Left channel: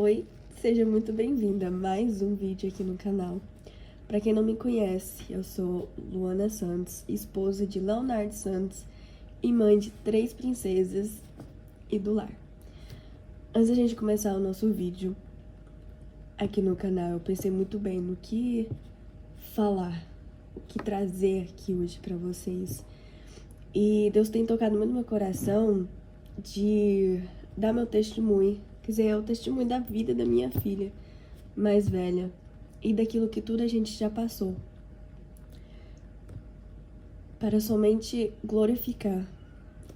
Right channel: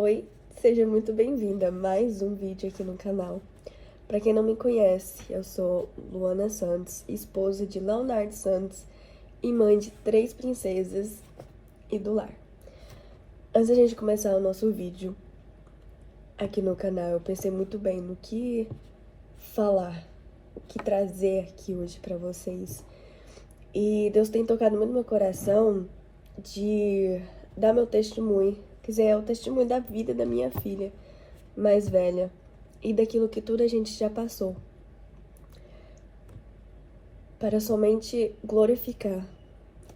Oi, seja muito bem-vinda a mais um vídeo aqui no canal. Para quem não me conhece, eu sou Luana Santos, esposa de Leonardo Santos e mãe de 3 princesas e do lar. Antes da gente começar o nosso vídeo aqui no canal, eu pensei muito bem no que falar, o que trazer aqui hoje para vocês. E Deus tem tocado muito no meu coração de dar meu testemunho, quer dizer, é o testemunho da vida da minha filha mais velha e daquilo que toda a gente já passou, para somente glorificar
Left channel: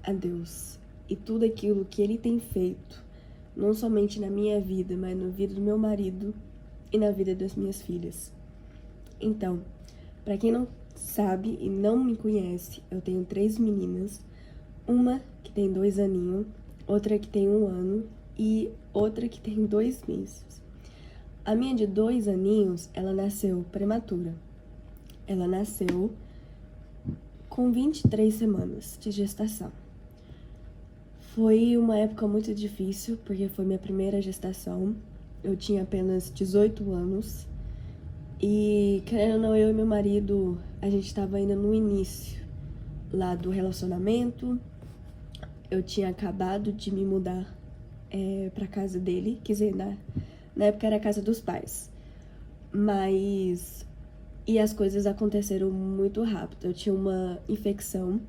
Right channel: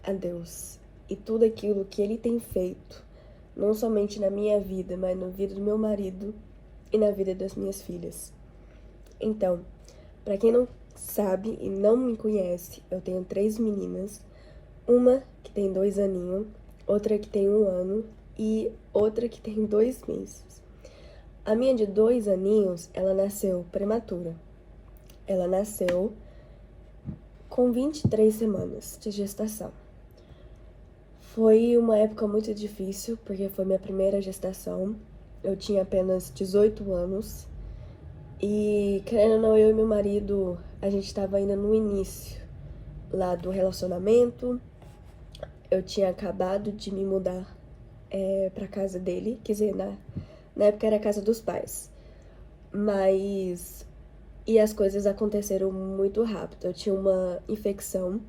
a Deus e tudo aquilo que Ele tem feito, não somente na minha vida, mas na vida do meu marido e na vida das minhas filhas. Então, para quem não sabe e não me conhece, eu tenho 3 meninas, uma que tem 2 aninhos, outra que tem 1 ano e outra que tem 2 meses. A minha de 2 aninhos, ela nasceu prematura. Ela nasceu com 23 semanas de gestação. Foi uma época muito difícil, porque foi minha primeira gestação. Eu tinha apenas 18 anos. E, querendo ou não, eu e meu marido, a gente estava ainda no início lá do relacionamento. Eu tinha acabado de me mudar pra casa dele, quer dizer, na época era a casa dos pais. Mas... E as coisas aconteceram muito rápido. Eu tinha uma infecção.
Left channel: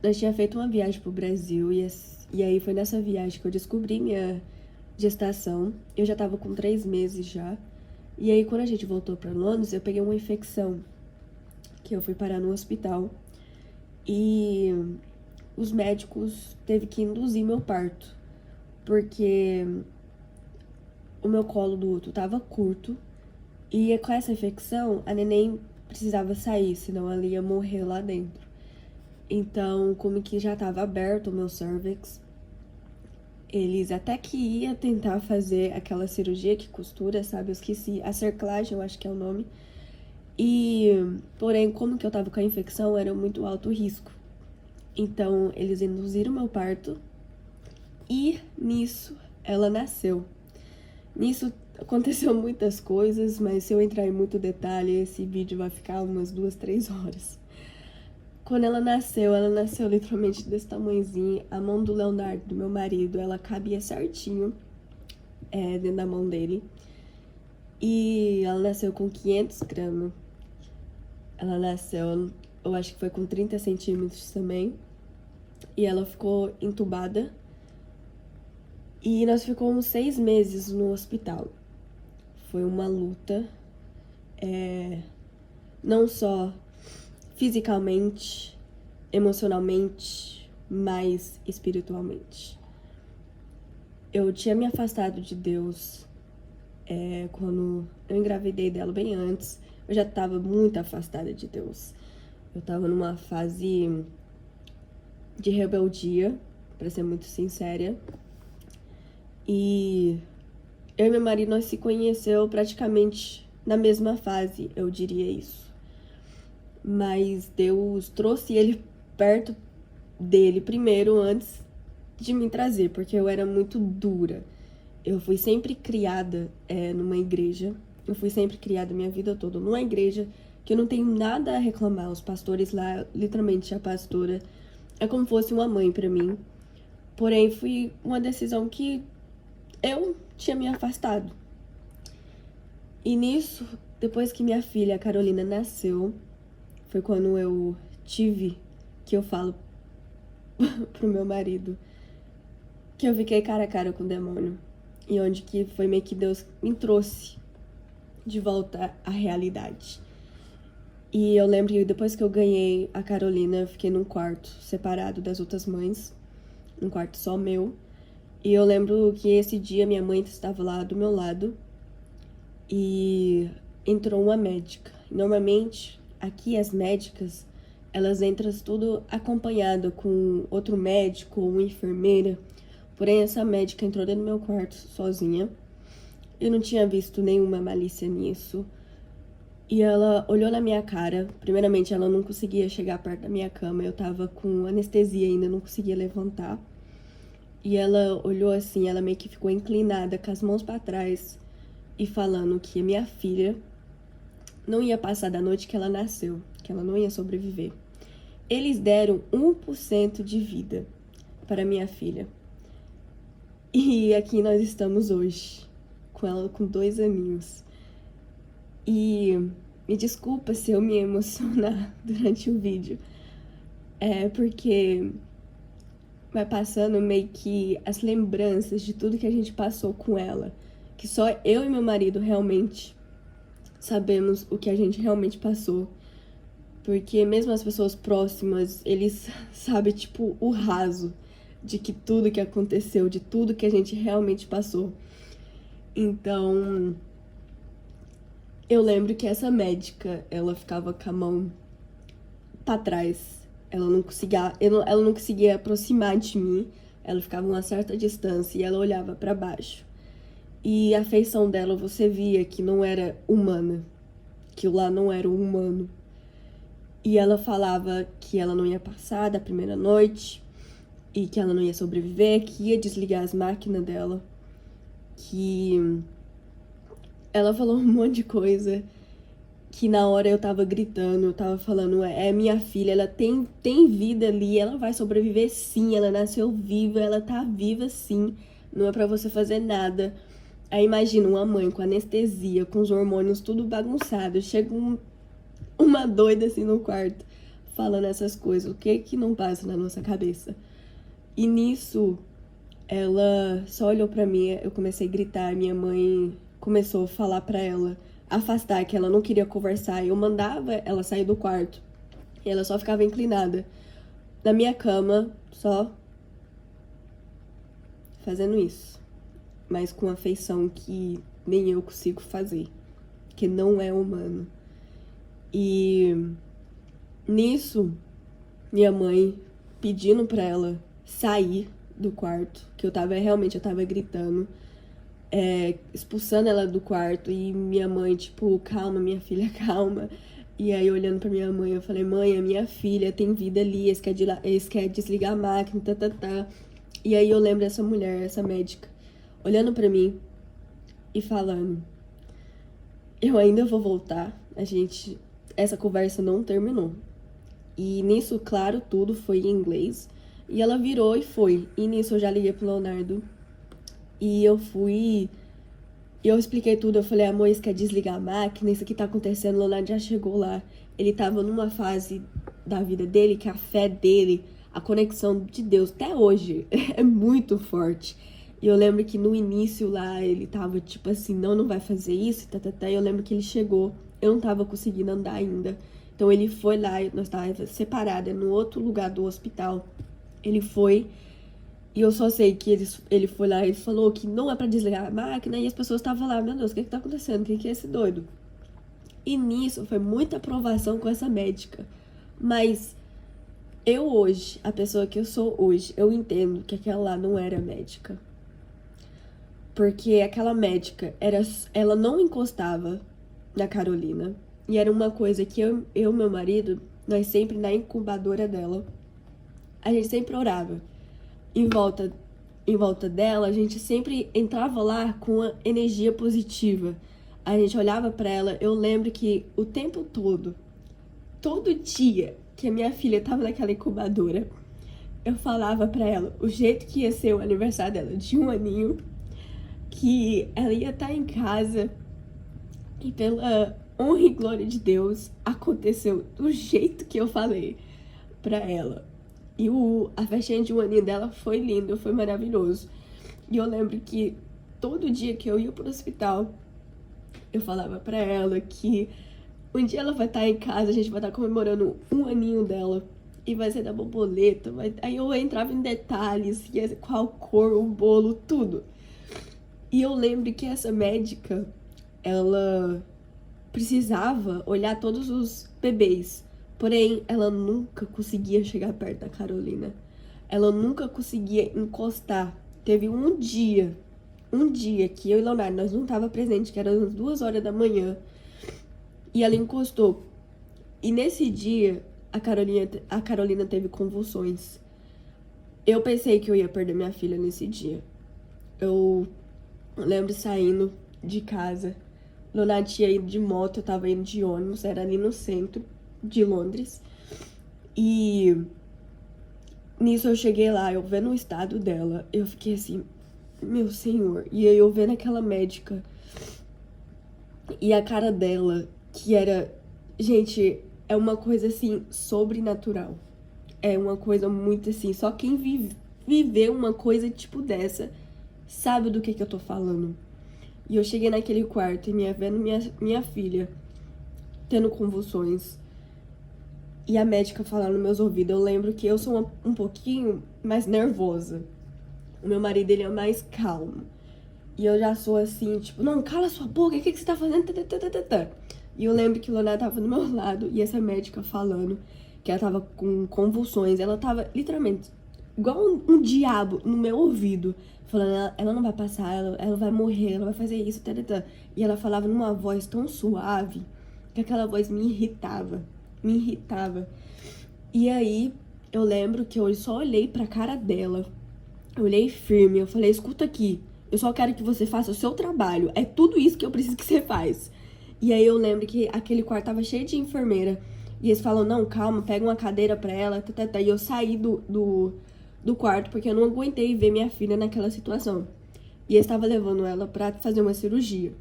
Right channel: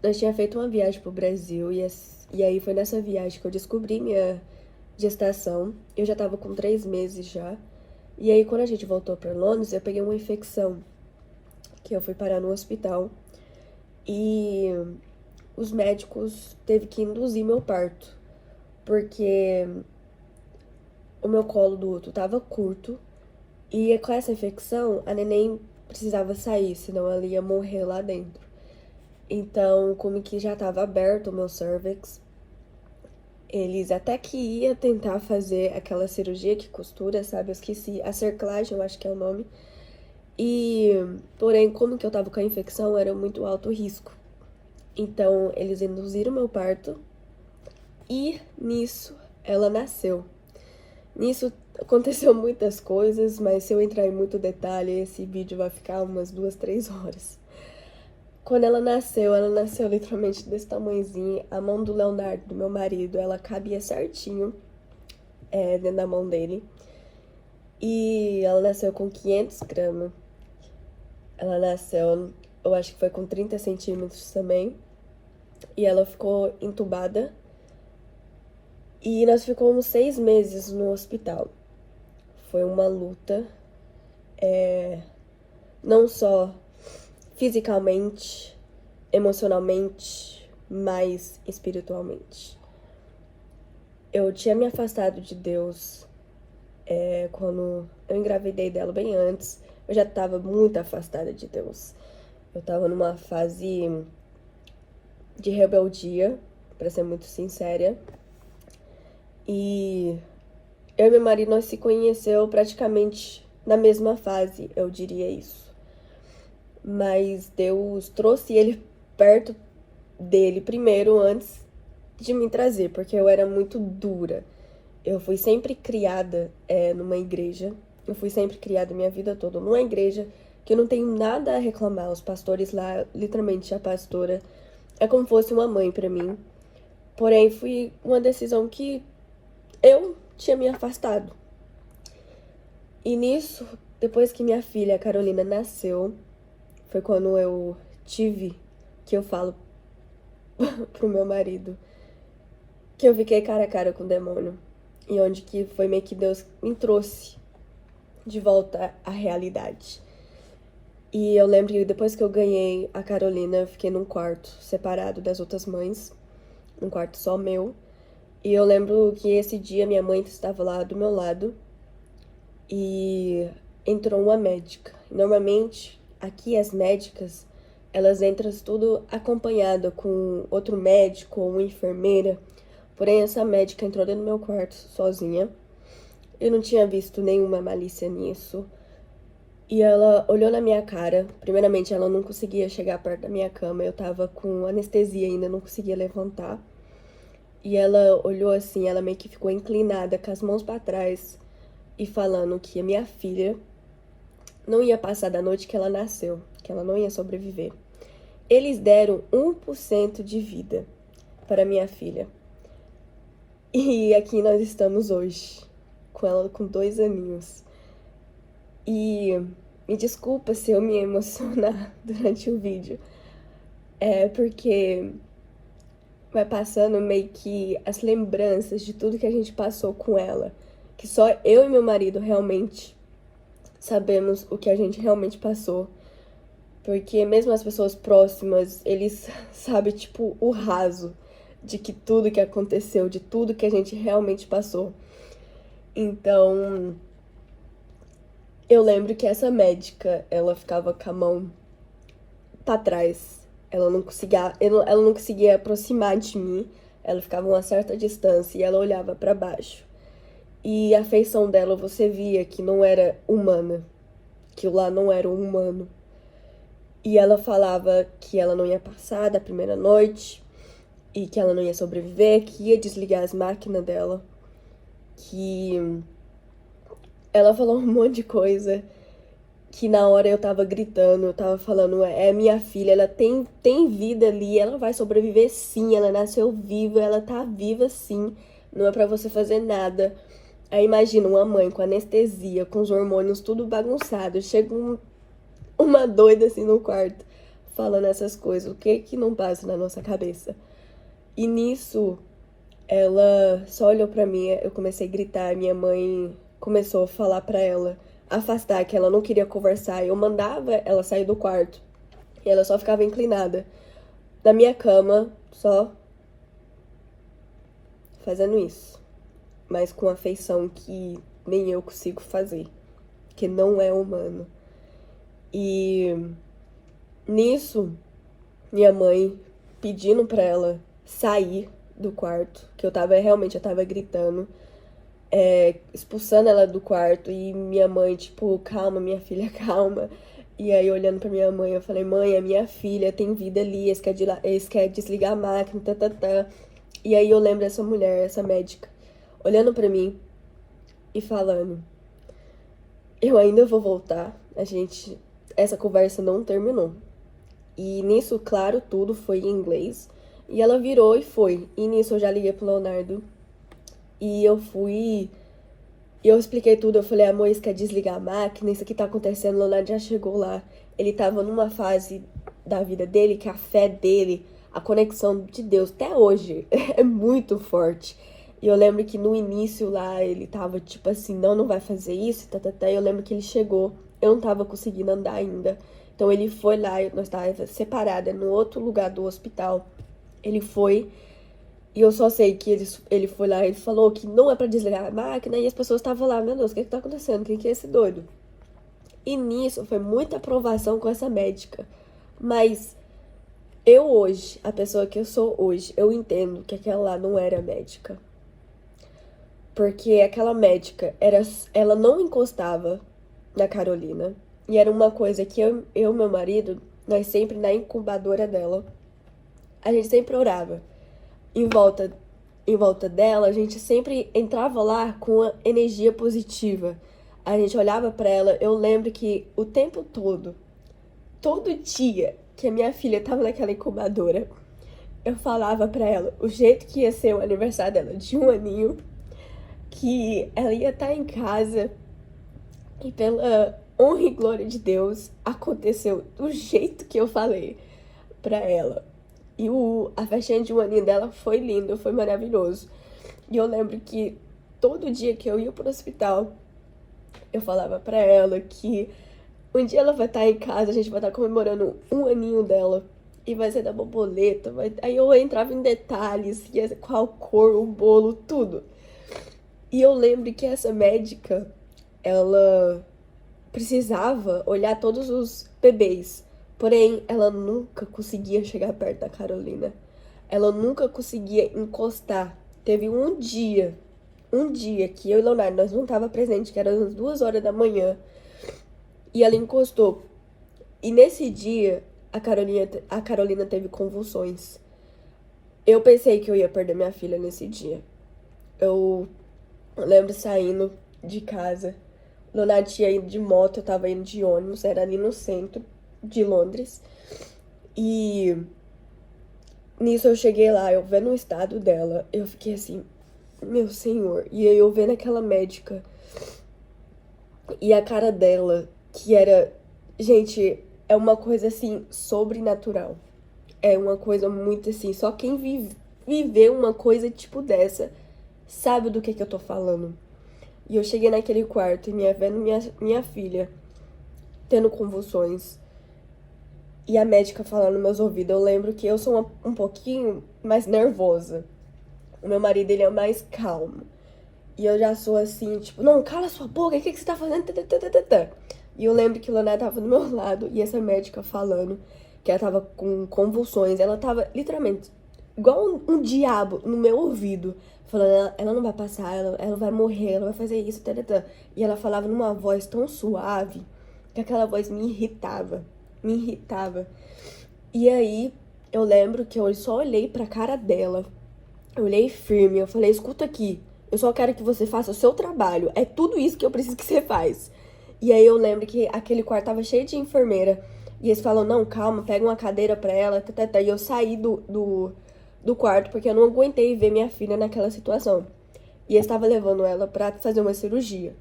Eu tinha feito uma viagem pro Brasil e aí foi nessa viagem que eu descobri minha gestação. Eu já tava com 3 meses já. E aí quando a gente voltou pra Londres, eu peguei uma infecção, que eu fui parar no hospital. E os médicos teve que induzir meu parto, porque o meu colo do útero tava curto. E com essa infecção, a neném precisava sair, senão ela ia morrer lá dentro. Então, como que já tava aberto o meu cervix, eles até que ia tentar fazer aquela cirurgia que costura, sabe? Eu esqueci, a cerclagem, eu acho que é o nome. E, porém, como que eu tava com a infecção, era muito alto risco. Então, eles induziram meu parto e nisso ela nasceu. Nisso aconteceu muitas coisas, mas se eu entrar em muito detalhe, esse vídeo vai ficar umas 2, 3 horas. Quando ela nasceu literalmente desse tamanhozinho. A mão do Leonardo, do meu marido, ela cabia certinho dentro da mão dele. E ela nasceu com 500 gramas. Ela nasceu, eu acho que foi com 30 centímetros também. E ela ficou entubada. E nós ficamos 6 meses no hospital. Foi uma luta, não só fisicamente, emocionalmente, mas espiritualmente. Eu tinha me afastado de Deus quando eu engravidei dela bem antes. Eu já estava muito afastada de Deus. Eu estava numa fase de rebeldia, para ser muito sincera. E eu e meu marido, nós se conheceu praticamente na mesma fase, eu diria isso. Mas Deus trouxe ele perto dele primeiro, antes de me trazer, porque eu era muito dura. Eu fui sempre criada numa igreja. Eu fui sempre criada minha vida toda numa igreja que eu não tenho nada a reclamar. Os pastores lá, literalmente a pastora, é como fosse uma mãe pra mim. Porém, foi uma decisão que eu tinha me afastado. E nisso, depois que minha filha, a Carolina, nasceu, foi quando eu tive, que eu falo pro meu marido, que eu fiquei cara a cara com o demônio. E onde que foi meio que Deus me trouxe de volta à realidade. E eu lembro que depois que eu ganhei a Carolina, eu fiquei num quarto separado das outras mães, num quarto só meu. E eu lembro que esse dia minha mãe estava lá do meu lado e entrou uma médica. Normalmente, aqui as médicas, elas entram tudo acompanhada com outro médico ou uma enfermeira. Porém, essa médica entrou dentro do meu quarto sozinha. Eu não tinha visto nenhuma malícia nisso. E ela olhou na minha cara. Primeiramente, ela não conseguia chegar perto da minha cama. Eu tava com anestesia ainda, não conseguia levantar. E ela olhou assim, ela meio que ficou inclinada, com as mãos pra trás, e falando que a minha filha não ia passar da noite que ela nasceu, que ela não ia sobreviver. Eles deram 1% de vida para minha filha. E aqui nós estamos hoje, com ela com 2 aninhos. E me desculpa se eu me emocionar durante o vídeo. É porque vai passando meio que as lembranças de tudo que a gente passou com ela. Que só eu e meu marido realmente sabemos o que a gente realmente passou. Porque mesmo as pessoas próximas, eles sabem, tipo, o raso de que tudo que aconteceu, de tudo que a gente realmente passou. Então, eu lembro que essa médica, ela ficava com a mão pra trás. Ela não conseguia aproximar de mim. Ela ficava a uma certa distância e ela olhava pra baixo. E a feição dela, você via que não era humana. Que lá não era um humano. E ela falava que ela não ia passar da primeira noite, e que ela não ia sobreviver, que ia desligar as máquinas dela, que ela falou um monte de coisa, que na hora eu tava gritando, eu tava falando, é minha filha, ela tem vida ali, ela vai sobreviver sim, ela nasceu viva, ela tá viva sim, não é pra você fazer nada. Aí imagina uma mãe com anestesia, com os hormônios tudo bagunçado, chega uma doida assim no quarto, falando essas coisas, o que que não passa na nossa cabeça? E nisso, ela só olhou pra mim, eu comecei a gritar, minha mãe começou a falar pra ela afastar, que ela não queria conversar. Eu mandava ela sair do quarto, e ela só ficava inclinada na minha cama, só fazendo isso. Mas com afeição que nem eu consigo fazer, que não é humano. E nisso, minha mãe pedindo pra ela sair do quarto, que eu tava gritando, expulsando ela do quarto, e minha mãe, tipo, calma, minha filha, calma. E aí, olhando pra minha mãe, eu falei, mãe, a minha filha tem vida ali, eles querem desligar a máquina, tá. E aí eu lembro dessa mulher, essa médica, olhando pra mim e falando, eu ainda vou voltar, essa conversa não terminou. E nisso, claro, tudo foi em inglês. E ela virou e foi. E nisso eu já liguei pro Leonardo. E eu fui. E eu expliquei tudo. Eu falei, amor, isso quer desligar a máquina, isso aqui tá acontecendo. O Leonardo já chegou lá. Ele tava numa fase da vida dele que a fé dele, a conexão de Deus, até hoje, é muito forte. E eu lembro que no início lá, ele tava tipo assim, não vai fazer isso, tá. E eu lembro que ele chegou, eu não tava conseguindo andar ainda. Então ele foi lá, nós estávamos separadas no outro lugar do hospital. Ele foi, e eu só sei que ele foi lá, ele falou que não é pra desligar a máquina, e as pessoas estavam lá, meu Deus, o que tá acontecendo? Quem que é esse doido? E nisso foi muita aprovação com essa médica. Mas eu hoje, a pessoa que eu sou hoje, eu entendo que aquela lá não era médica. Porque aquela médica, ela não encostava na Carolina. E era uma coisa que eu e meu marido, nós sempre na incubadora dela, a gente sempre orava. Em volta dela, a gente sempre entrava lá com uma energia positiva. A gente olhava pra ela, eu lembro que o tempo todo dia que a minha filha tava naquela incubadora, eu falava pra ela o jeito que ia ser o aniversário dela de 1 aninho, que ela ia estar em casa, e pela honra e glória de Deus, aconteceu do jeito que eu falei pra ela. E a festinha de 1 aninho dela foi lindo, foi maravilhoso. E eu lembro que todo dia que eu ia pro hospital, eu falava pra ela que um dia ela vai estar em casa, a gente vai estar comemorando 1 aninho dela. E vai ser da borboleta. Aí eu entrava em detalhes, qual cor, o bolo, tudo. E eu lembro que essa médica, ela precisava olhar todos os bebês. Porém, ela nunca conseguia chegar perto da Carolina. Ela nunca conseguia encostar. Teve um dia que eu e Leonardo, nós não tava presente, que era às 2 horas da manhã. E ela encostou. E nesse dia, a Carolina teve convulsões. Eu pensei que eu ia perder minha filha nesse dia. Eu lembro saindo de casa. Leonardo tinha ido de moto, eu tava indo de ônibus, era ali no centro de Londres. E nisso eu cheguei lá, eu vendo o estado dela, eu fiquei assim, meu senhor. E aí eu vendo aquela médica e a cara dela, que era, gente, é uma coisa assim, sobrenatural. É uma coisa muito assim, só quem viveu uma coisa tipo dessa sabe do que eu tô falando. E eu cheguei naquele quarto e vendo minha filha tendo convulsões. E a médica falando nos meus ouvidos. Eu lembro que eu sou um pouquinho mais nervosa. O meu marido, ele é mais calmo. E eu já sou assim, tipo, não, cala sua boca, o que você tá fazendo? E eu lembro que o Leonardo tava do meu lado e essa médica falando que ela tava com convulsões. Ela tava, literalmente, igual um diabo no meu ouvido. Falando, ela não vai passar, ela vai morrer, ela vai fazer isso, E ela falava numa voz tão suave que aquela voz me irritava. Me irritava. E aí, eu lembro que eu só olhei pra cara dela. Eu olhei firme, eu falei, escuta aqui. Eu só quero que você faça o seu trabalho. É tudo isso que eu preciso que você faz. E aí eu lembro que aquele quarto tava cheio de enfermeira. E eles falam, não, calma, pega uma cadeira pra ela. E eu saí do quarto porque eu não aguentei ver minha filha naquela situação. E eles estavam levando ela pra fazer uma cirurgia.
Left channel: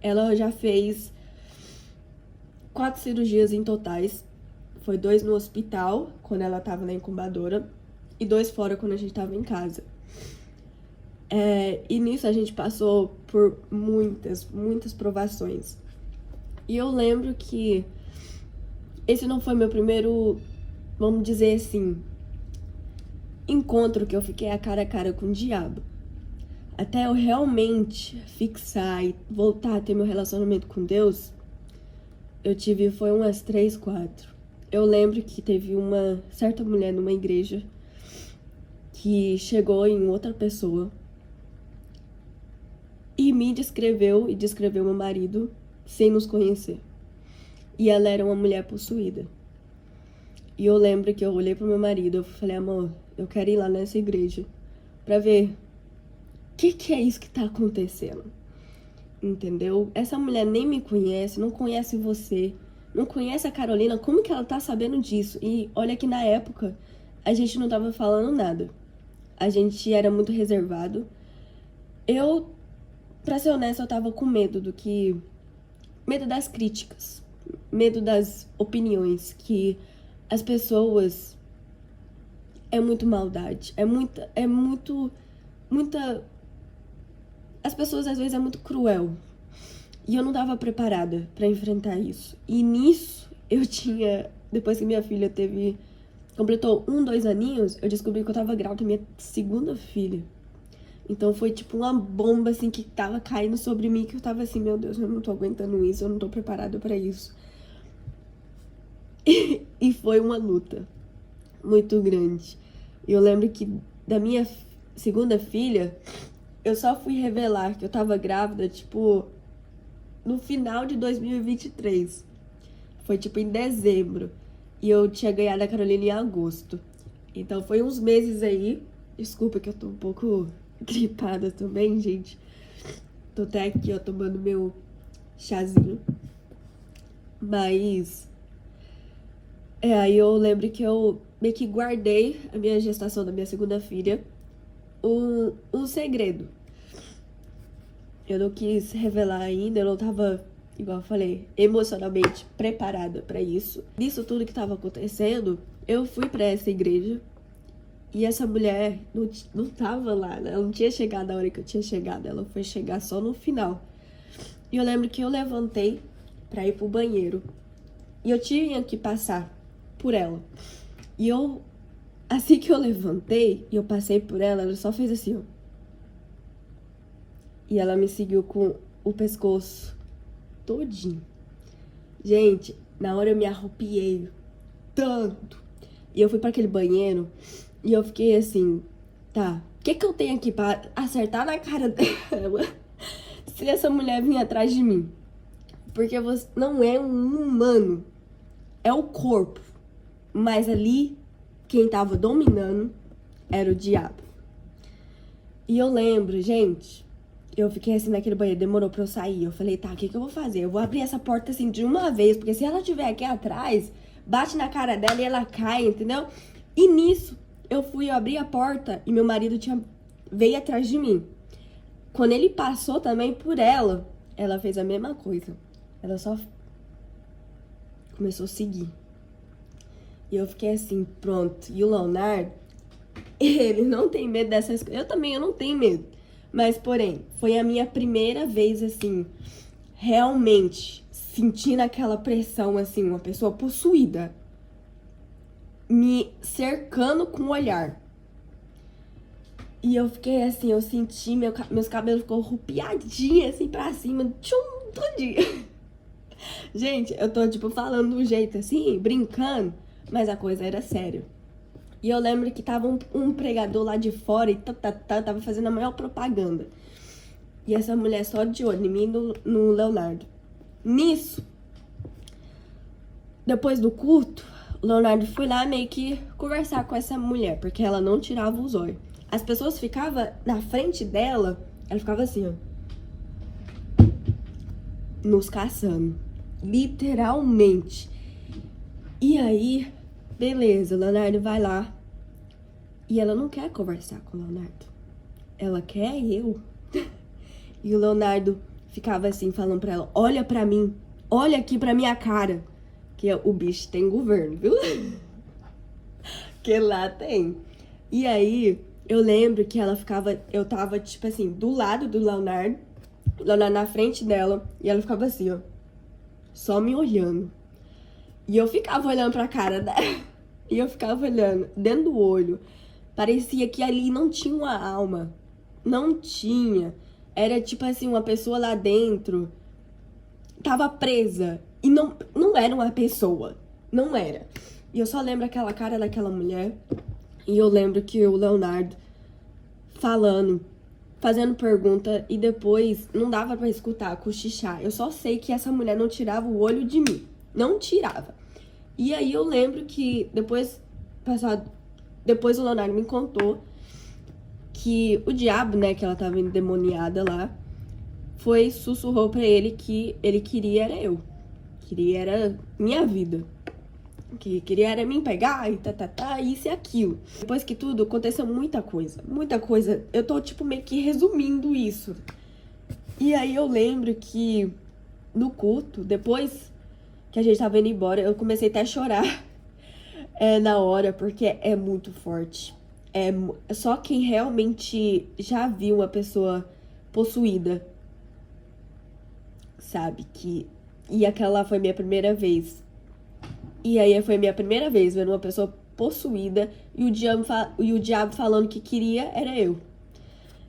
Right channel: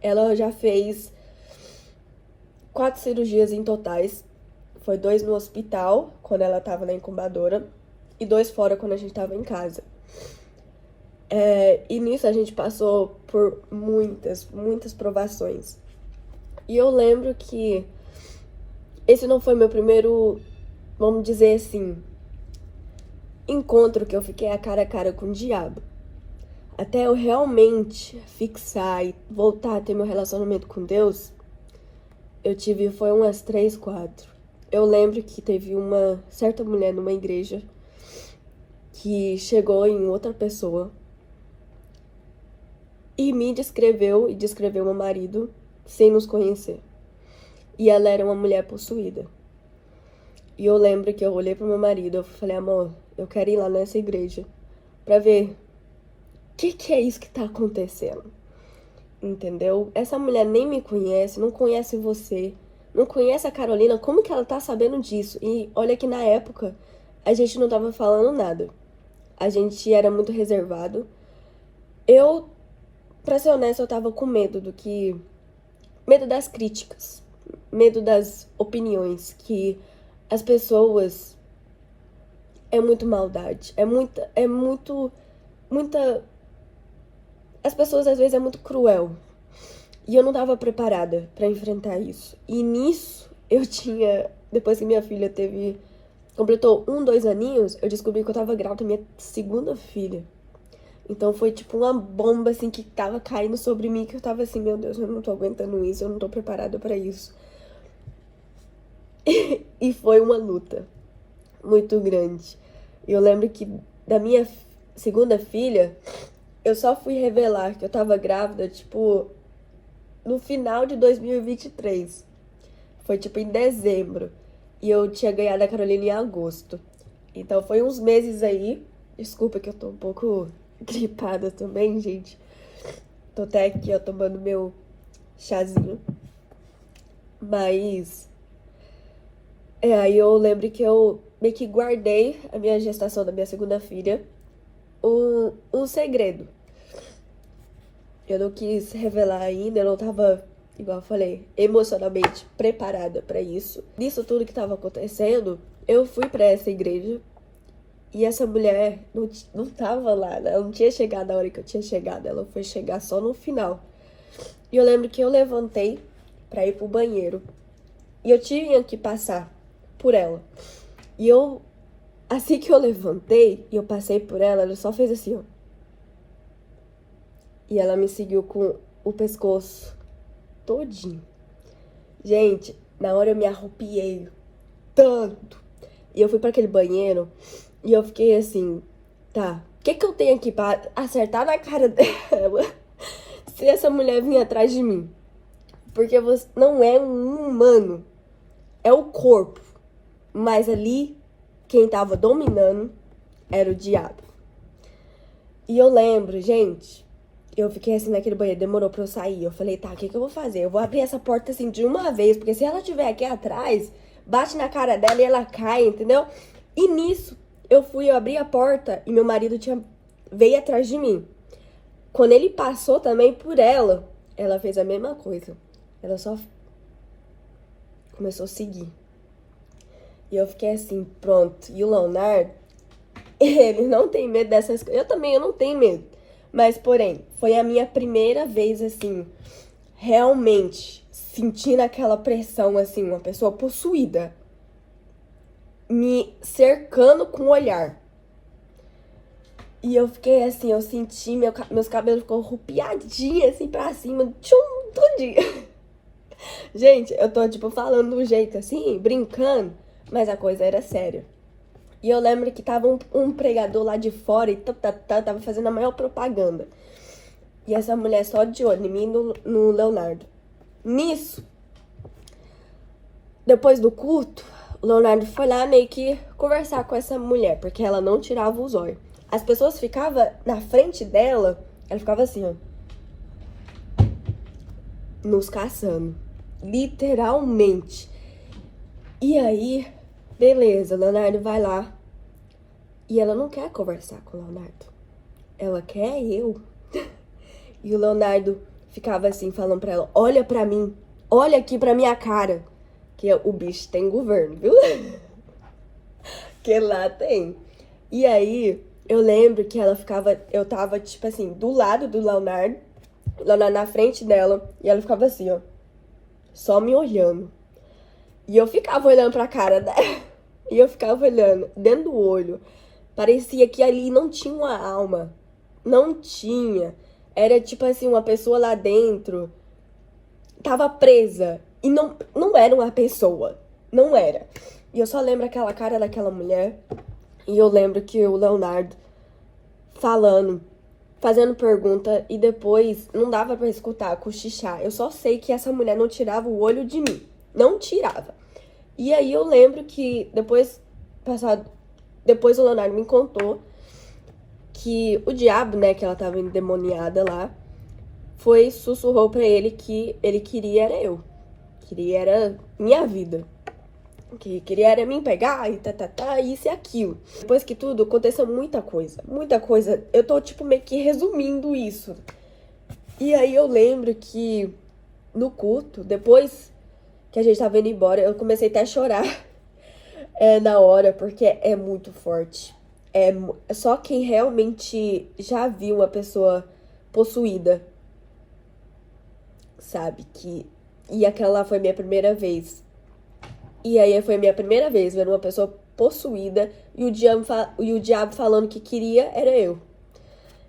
Ela já fez 4 cirurgias em totais. Foi 2 no hospital, quando ela tava na incubadora. E 2 fora, quando a gente tava em casa. E nisso a gente passou por muitas provações. E eu lembro que esse não foi meu primeiro, vamos dizer assim, encontro que eu fiquei cara a cara com o diabo. Até eu realmente fixar e voltar a ter meu relacionamento com Deus, eu tive, foi umas 3, 4. Eu lembro que teve uma certa mulher numa igreja que chegou em outra pessoa e me descreveu e descreveu meu marido sem nos conhecer. E ela era uma mulher possuída. E eu lembro que eu olhei pro meu marido, eu falei, amor, eu quero ir lá nessa igreja pra ver o que é isso que tá acontecendo. Entendeu? Essa mulher nem me conhece, não conhece você, não conhece a Carolina, como que ela tá sabendo disso? E olha que na época a gente não tava falando nada. A gente era muito reservado. Eu, pra ser honesta, eu tava com medo medo das críticas, medo das opiniões, que as pessoas é muito maldade, muita as pessoas às vezes é muito cruel. E eu não tava preparada pra enfrentar isso. E nisso eu tinha, depois que minha filha completou 1, 2 aninhos, eu descobri que eu tava grávida da minha segunda filha. Então foi tipo uma bomba assim que tava caindo sobre mim, que eu tava assim, meu Deus, eu não tô aguentando isso, eu não tô preparada pra isso. E foi uma luta muito grande. Eu lembro que da minha segunda filha, eu só fui revelar que eu tava grávida, tipo, no final de 2023. Foi tipo em dezembro. E eu tinha ganhado a Carolina em agosto. Então foi uns meses aí. Desculpa que eu tô um pouco gripada também, gente. Tô até aqui, ó, tomando meu chazinho. Mas aí eu lembro que eu meio que guardei a minha gestação da minha segunda filha um segredo. Eu não quis revelar ainda, eu não tava, igual eu falei, emocionalmente preparada pra isso. Nisso tudo que tava acontecendo, eu fui pra essa igreja e essa mulher não tava lá, né? Ela não tinha chegado na hora que eu tinha chegado, ela foi chegar só no final. E eu lembro que eu levantei pra ir pro banheiro e eu tinha que passar por ela. E assim que eu levantei e eu passei por ela só fez assim, ó. E ela me seguiu com o pescoço todinho. Gente, na hora eu me arrupiei tanto. E eu fui para aquele banheiro e eu fiquei assim, tá, o que eu tenho aqui pra acertar na cara dela se essa mulher vir atrás de mim? Porque você não é um humano, é o corpo. Mas ali, quem tava dominando era o diabo. E eu lembro, gente, eu fiquei assim naquele banheiro, demorou pra eu sair. Eu falei, tá, o que eu vou fazer? Eu vou abrir essa porta assim de uma vez, porque se ela estiver aqui atrás, bate na cara dela e ela cai, entendeu? E nisso, eu abri a porta e meu marido veio atrás de mim. Quando ele passou também por ela fez a mesma coisa. Ela só começou a seguir. E eu fiquei assim, pronto. E o Leonardo, ele não tem medo dessas coisas. Eu não tenho medo. Mas, porém, foi a minha primeira vez, assim, realmente sentindo aquela pressão, assim, uma pessoa possuída me cercando com o olhar. E eu fiquei assim, eu senti, meus cabelos ficou arrupiadinhos, assim, pra cima, tchum, tudinho. Gente, eu tô, tipo, falando de um jeito assim, brincando, mas a coisa era séria. E eu lembro que tava um pregador lá de fora e tava fazendo a maior propaganda. E essa mulher só de olho em mim e no Leonardo. Nisso, depois do culto, o Leonardo foi lá meio que conversar com essa mulher, porque ela não tirava os olhos. As pessoas ficavam na frente dela, ela ficava assim, ó, nos caçando. Literalmente. E aí, beleza, o Leonardo vai lá. E ela não quer conversar com o Leonardo. Ela quer eu. E o Leonardo ficava assim, falando pra ela, olha pra mim, olha aqui pra minha cara. Que o bicho tem governo, viu? Que lá tem. E aí, eu lembro que eu tava, tipo assim, do lado do Leonardo na frente dela, e ela ficava assim, ó, só me olhando. E eu ficava olhando pra cara dela, e eu ficava olhando dentro do olho. Parecia que ali não tinha uma alma. Não tinha. Era tipo assim, uma pessoa lá dentro tava presa. E não era uma pessoa. Não era. E eu só lembro aquela cara daquela mulher. E eu lembro que o Leonardo fazendo pergunta. E depois não dava pra escutar, cochichar. Eu só sei que essa mulher não tirava o olho de mim. Não tirava. E aí eu lembro que depois o Leonardo me contou que o diabo, né, que ela tava endemoniada lá, sussurrou pra ele que ele queria era eu. Queria era minha vida. Que queria era me pegar e isso e aquilo. Depois que tudo, aconteceu muita coisa. Muita coisa. Eu tô, tipo, meio que resumindo isso. E aí eu lembro que no culto, depois que a gente tava indo embora, eu comecei até a chorar na hora, porque é muito forte. É só quem realmente já viu uma pessoa possuída sabe que... E aquela foi minha primeira vez. E aí foi minha primeira vez vendo uma pessoa possuída e o diabo falando que queria era eu.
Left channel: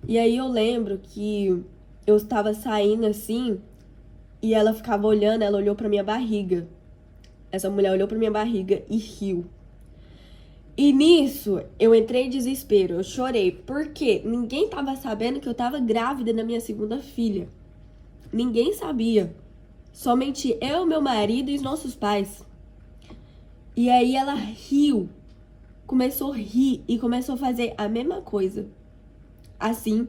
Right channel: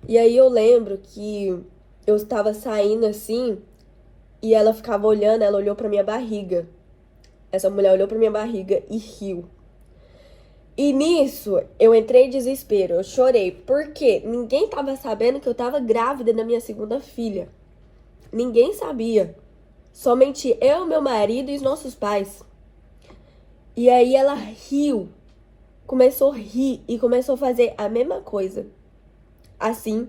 E aí eu lembro que eu estava saindo assim e ela ficava olhando, ela olhou pra minha barriga. Essa mulher olhou pra minha barriga e riu. E nisso, eu entrei em desespero, eu chorei, porque ninguém tava sabendo que eu tava grávida da minha segunda filha. Ninguém sabia. Somente eu, meu marido e os nossos pais. E aí ela riu, começou a rir e começou a fazer a mesma coisa. Assim,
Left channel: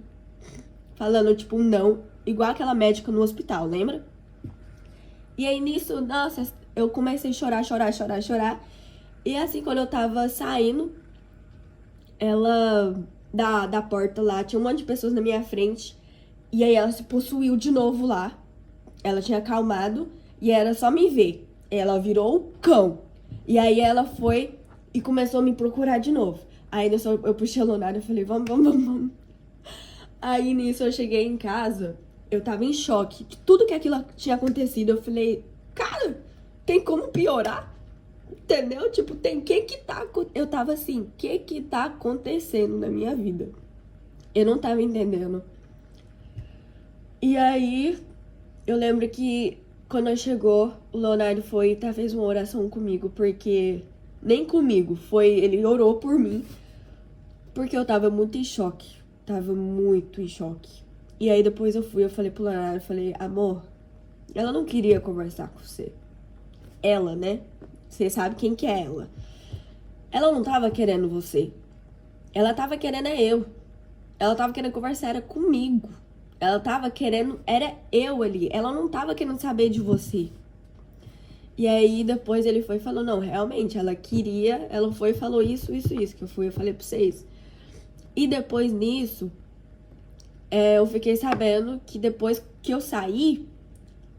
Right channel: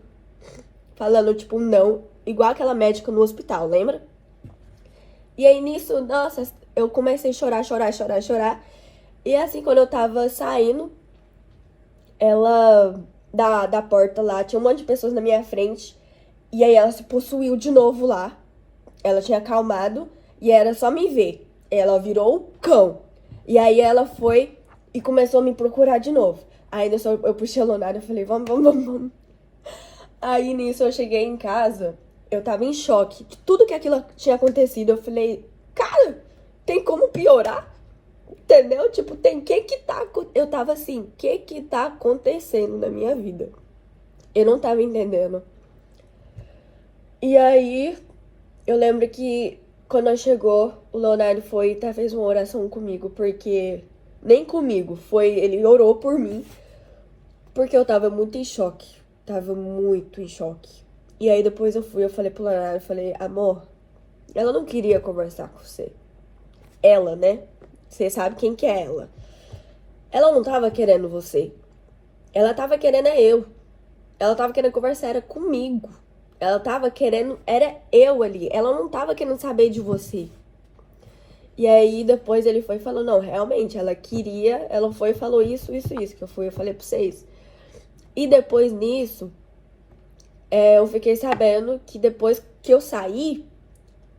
falando tipo não, igual aquela médica no hospital, lembra? E aí nisso, nossa, eu comecei a chorar. E assim, quando eu tava saindo, ela, da porta lá, tinha um monte de pessoas na minha frente. E aí ela se possuiu de novo lá. Ela tinha acalmado e era só me ver. Ela virou o cão. E aí ela foi e começou a me procurar de novo. Aí nisso eu puxei a Leonardo e falei, vamos. Aí nisso eu cheguei em casa, eu tava em choque. Tudo que aquilo tinha acontecido, eu falei, cara, tem como piorar? Entendeu? Tipo, eu tava assim, que tá acontecendo na minha vida? Eu não tava entendendo. E aí, eu lembro que quando ela chegou, o Leonardo foi e fez uma oração comigo, porque... Nem comigo, ele orou por mim, porque eu tava muito em choque. Tava muito em choque. E aí depois eu falei pro Leonardo, eu falei, amor, ela não queria conversar com você. Ela, né? Você sabe quem que é ela. Ela não tava querendo você. Ela tava querendo eu. Ela tava querendo conversar, era comigo. Ela tava querendo, era eu ali. Ela não tava querendo saber de você. E aí depois ele foi e falou, não, realmente, ela queria, ela foi e falou isso, que eu falei pra vocês. E depois nisso, eu fiquei sabendo que depois que eu saí,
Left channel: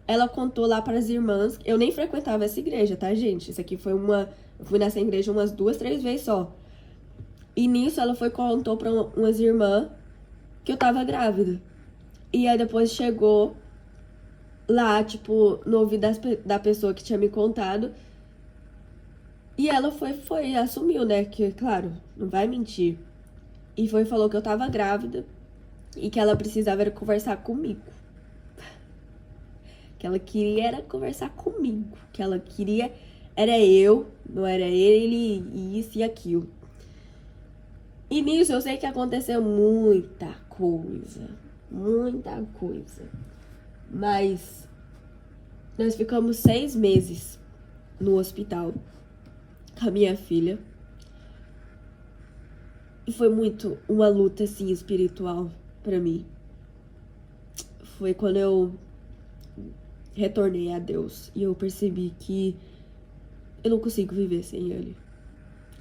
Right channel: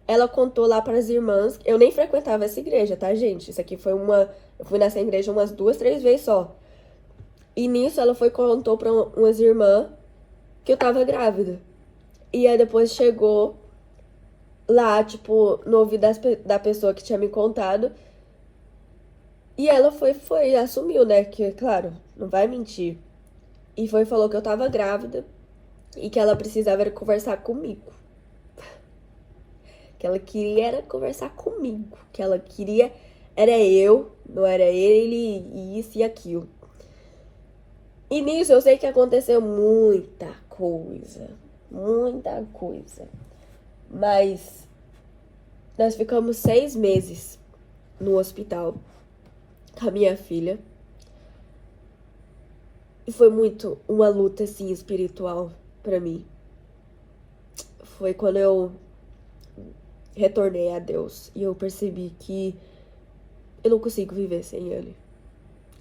ela contou lá para as irmãs, eu nem frequentava essa igreja, tá, gente? Isso aqui foi eu fui nessa igreja umas 2, 3 vezes só. E nisso ela foi e contou pra umas irmãs que eu tava grávida. E aí depois chegou lá, tipo, no ouvido da pessoa que tinha me contado. E ela foi assumiu, né? Que, claro, não vai mentir. E foi e falou que eu tava grávida e que ela precisava era conversar comigo. Que ela queria era conversar comigo. Que ela queria era eu, não era ele, e isso e aquilo. E nisso eu sei que aconteceu muita coisa. Muita coisa. Mas nós ficamos 6 meses no hospital com a minha filha. E foi muito uma luta, assim, espiritual pra mim. Foi quando eu retornei a Deus e eu percebi que eu não consigo viver sem Ele.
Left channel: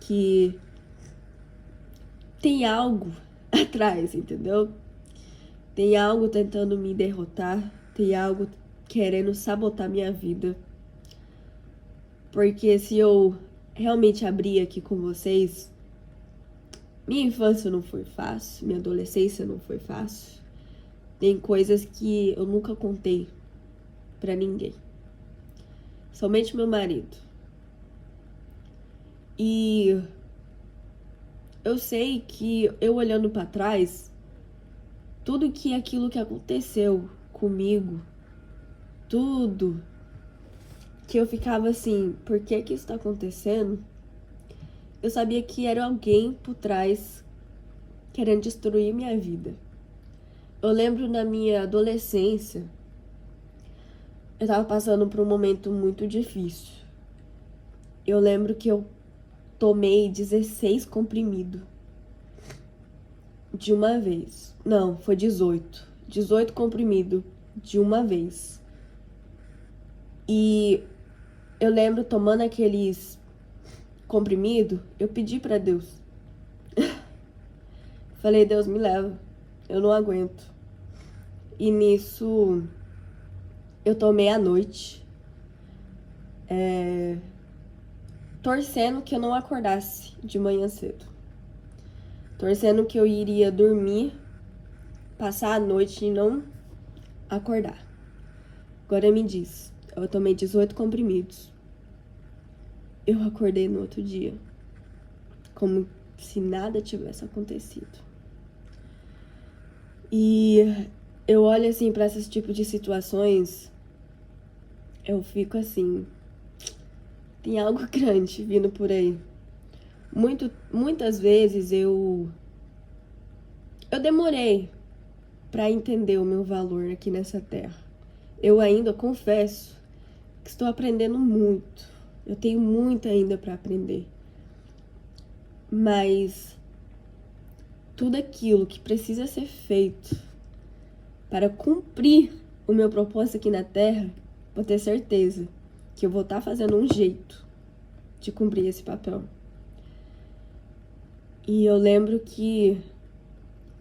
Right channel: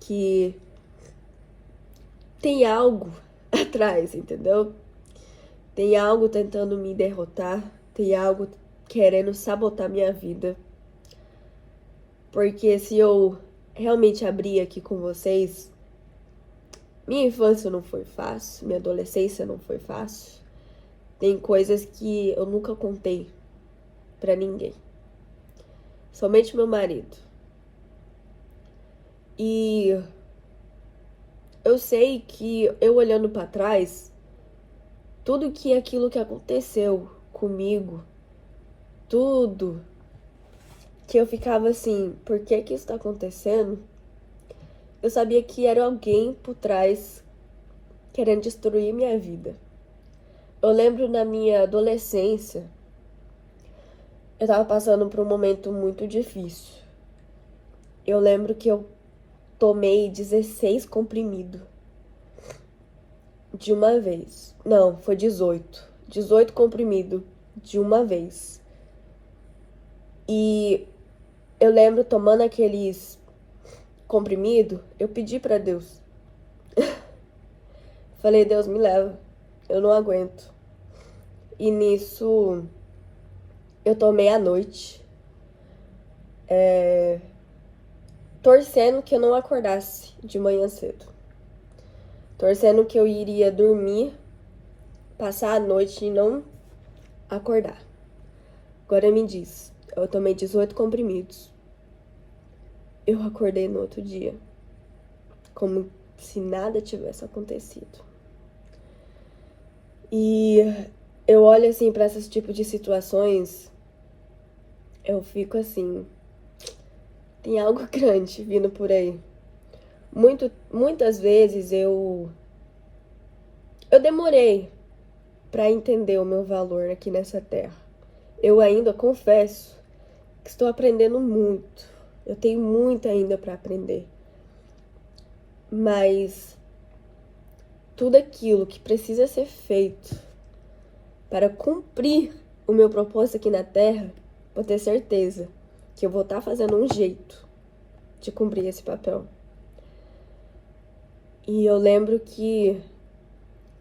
Que tem algo atrás, entendeu? Tem algo tentando me derrotar. Tem algo querendo sabotar minha vida. Porque se eu realmente abrir aqui com vocês, minha infância não foi fácil, minha adolescência não foi fácil. Tem coisas que eu nunca contei pra ninguém. Somente meu marido. E eu sei que eu olhando pra trás, tudo que aquilo que aconteceu comigo, tudo que eu ficava assim, por que que isso tá acontecendo? Eu sabia que era alguém por trás querendo destruir minha vida. Eu lembro na minha adolescência, eu tava passando por um momento muito difícil. Eu lembro que eu tomei 16 comprimidos de uma vez. Não, foi 18. 18 comprimidos de uma vez. E eu lembro tomando aqueles comprimidos, eu pedi pra Deus. Falei, Deus, me leva. Eu não aguento. E nisso, eu tomei à noite. Torcendo que eu não acordasse de manhã cedo. Torcendo que eu iria dormir, passar a noite e não acordar. Agora me diz, eu tomei 18 comprimidos. Eu acordei no outro dia, como se nada tivesse acontecido. E eu olho assim pra esse tipo de situações, eu fico assim, tem algo grande vindo por aí. Muitas vezes eu demorei pra entender o meu valor aqui nessa terra. Eu ainda confesso que estou aprendendo muito. Eu tenho muito ainda pra aprender. Mas tudo aquilo que precisa ser feito para cumprir o meu propósito aqui na Terra, vou ter certeza que eu vou estar fazendo um jeito de cumprir esse papel. E eu lembro que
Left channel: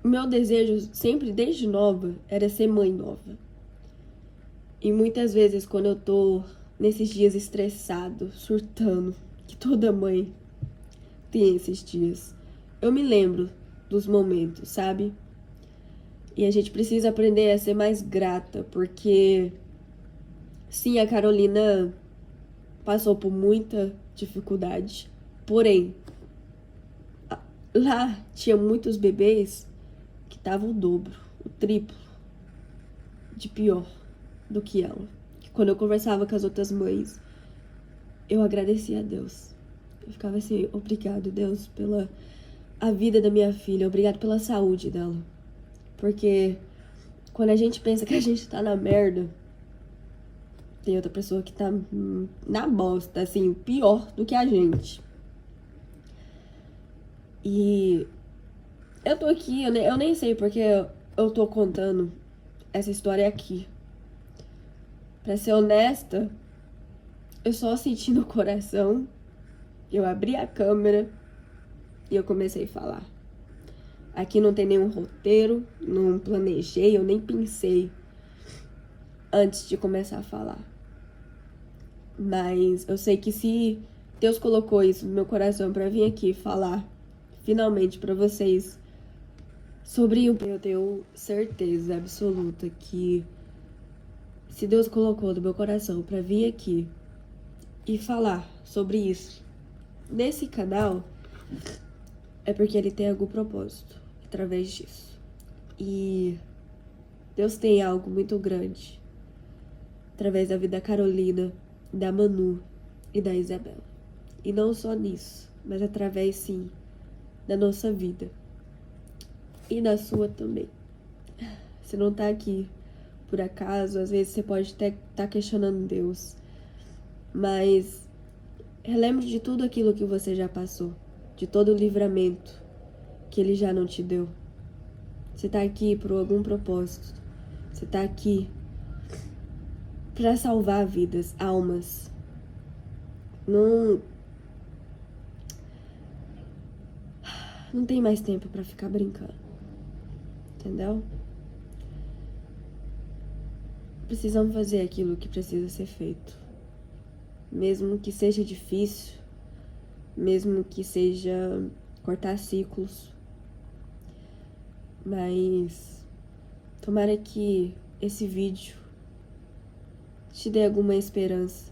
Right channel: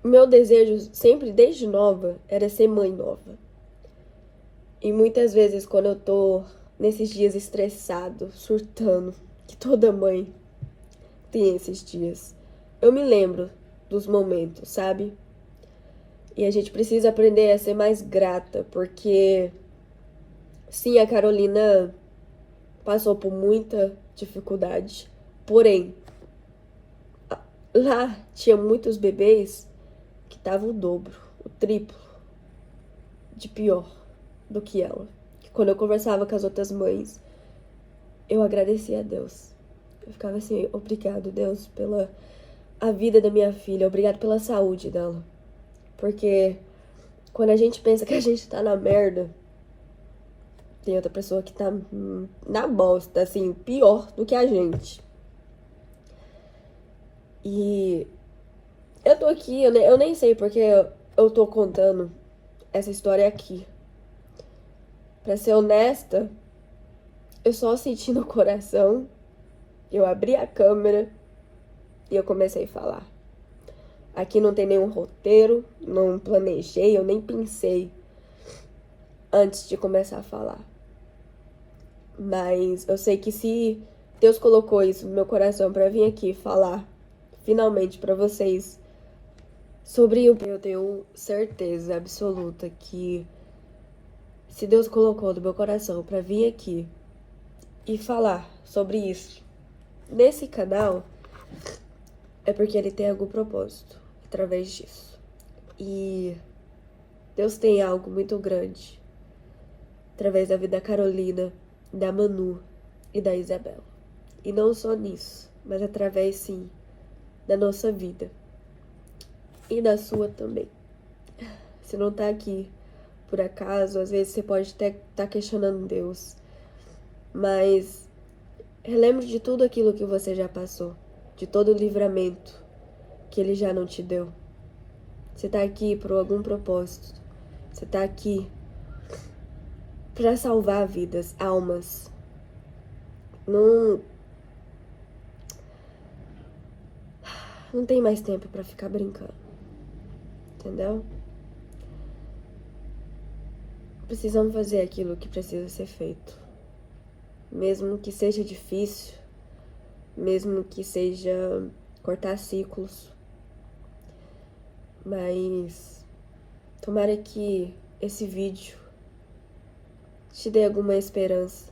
o meu desejo sempre, desde nova, era ser mãe nova. E muitas vezes quando eu tô nesses dias estressado, surtando, que toda mãe tem esses dias, eu me lembro dos momentos, sabe? E a gente precisa aprender a ser mais grata, porque sim, a Carolina passou por muita dificuldade, porém, lá tinha muitos bebês que estavam o dobro, o triplo de pior do que ela. Quando eu conversava com as outras mães, eu agradecia a Deus. Eu ficava assim, obrigado, Deus, pela a vida da minha filha, obrigado pela saúde dela. Porque quando a gente pensa que a gente tá na merda, tem outra pessoa que tá na bosta, assim, pior do que a gente. E Eu tô aqui, eu nem sei porque eu tô contando essa história aqui. Pra ser honesta, eu só senti no coração, eu abri a câmera e eu comecei a falar. Aqui não tem nenhum roteiro, não planejei, eu nem pensei antes de começar a falar. Mas eu sei que se Deus colocou isso no meu coração pra vir aqui falar finalmente pra vocês sobre o... Eu tenho certeza absoluta que se Deus colocou no meu coração pra vir aqui e falar sobre isso nesse canal, é porque Ele tem algum propósito através disso. E Deus tem algo muito grande através da vida da Carolina, da Manu e da Isabela. E não só nisso, mas através, sim, da nossa vida. E da sua também. Você não tá aqui por acaso, às vezes você pode até estar questionando Deus. Mas relembre de tudo aquilo que você já passou, de todo o livramento que Ele já não te deu. Você tá aqui por algum propósito. Você tá aqui para salvar vidas, almas. Não tem mais tempo para ficar brincando. Entendeu? Precisamos fazer aquilo que precisa ser feito. Mesmo que seja difícil, mesmo que seja cortar ciclos. Mas tomara que esse vídeo te dê alguma esperança,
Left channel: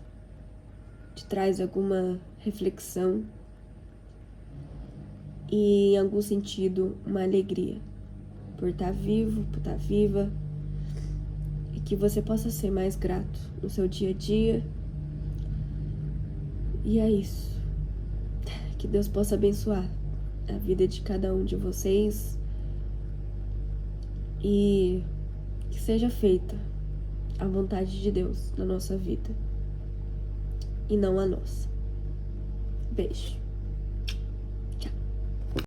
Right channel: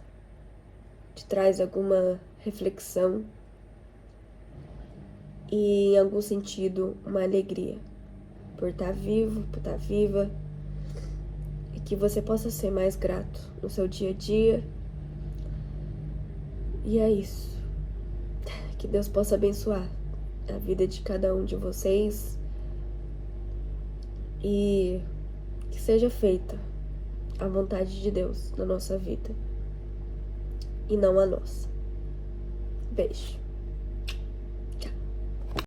te traz alguma reflexão e, em algum sentido, uma alegria por estar vivo, por estar viva, e que você possa ser mais grato no seu dia a dia. E é isso. Que Deus possa abençoar a vida de cada um de vocês e que seja feita a vontade de Deus na nossa vida e não a nossa. Beijo.